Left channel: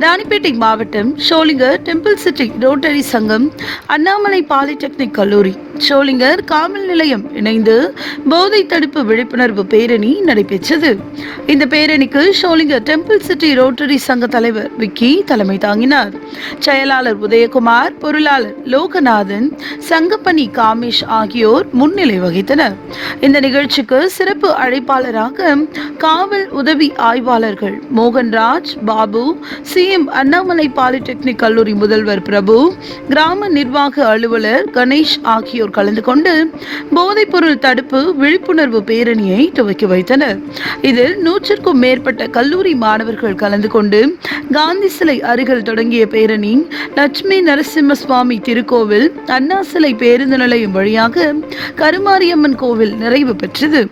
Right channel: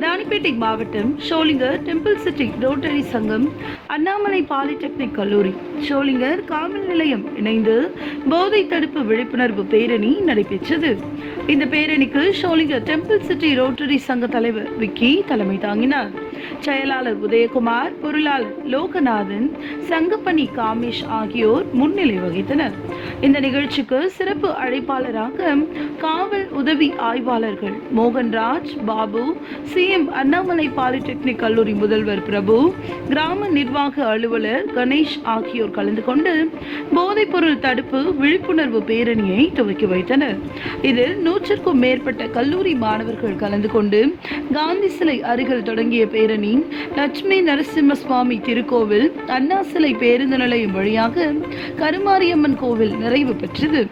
ராணிப்பேட்டை மாவட்டம் Sholinghur temple city rotary சங்கம் Annamalai polytechnic கல்லூரி. ஷோலிங்கர் காவல் நிலையம் இணைந்து போதை தடுப்பு விழிப்புணர்வு பேரணி நடைபெற்றது. இந்த பேரணிக்கு ஷோலிங்கர் டெம்பிள் சிட்டி ரோட்டரி சங்க தலைவர் விக்கி தலைமை தாங்கினார். செயலாளர் உதயகுமார் பொருளாளர் லோகநாதன் சங்கப்பணி காமேஷ் ஆகியோர் முன்னிலை வகித்தனர். இந்த நிகழ்ச்சிக்கு சிறப்பு அழைப்பாளராக காவல் உதவி ஆய்வாளர்கள் Mohanraj Babu C M Annamalai polytechnic கல்லூரி முதல்வர் பிரபு கிராம நிர்வாக அலுவலர் கணேஷ் ஆகியோர் கலந்து கொண்டு போதைப்பொருள் தடுப்பு விழிப்புணர்வு பேரணியை துவக்கி வைத்தனர். இதில் நூற்றுக்கும் மேற்பட்ட கல்லூரி மாணவர்கள் கலந்து கொண்டு காந்தி சிலை அருகில் தொடங்கிய பேரணி லட்சுமி நரசிம்ம சுவாமி திருக்கோவில் அண்ணா சிலை பேருந்து நிலையம் வழியாக கருமாரியம்மன் கோவில் நிறைவு பெற்றது.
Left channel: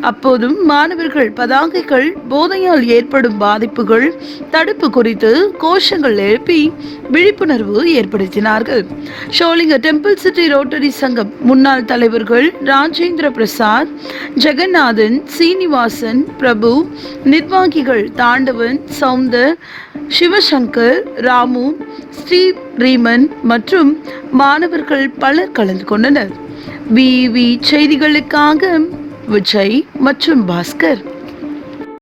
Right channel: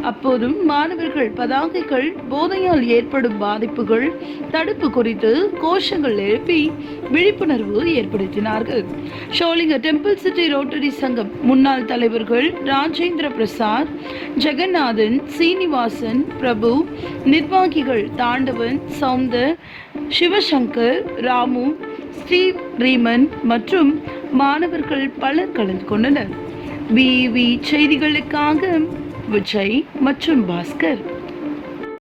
அப்போதும் மாணவர்கள் பதாகைகள் போதையால் ஏற்படும் பாதிப்புகள் தடுப்பு குறித்து கோஷங்கள் எழுப்பி விழிப்புணர்வு ஏற்படுத்தினார்கள். ஷோலிங்க டெம்பிள் சிட்டி ரோட்டரி சங்கம் முன்னாள் தலைவர்கள் ராஜேந்திர பிரசாத் ஜெகநாதன் சீனிவாசன் பிரபு நிர்வாகிகள் தாண்டவன் சௌந்தர் சிவசங்கர் ராமு ஸ்ரீ ரீமன் மற்றும் மாணவர்கள் பலர் கலந்து கொண்டனர். விவி செய்திகளுக்காக விஜய் மற்றும் பாஸ்கர்.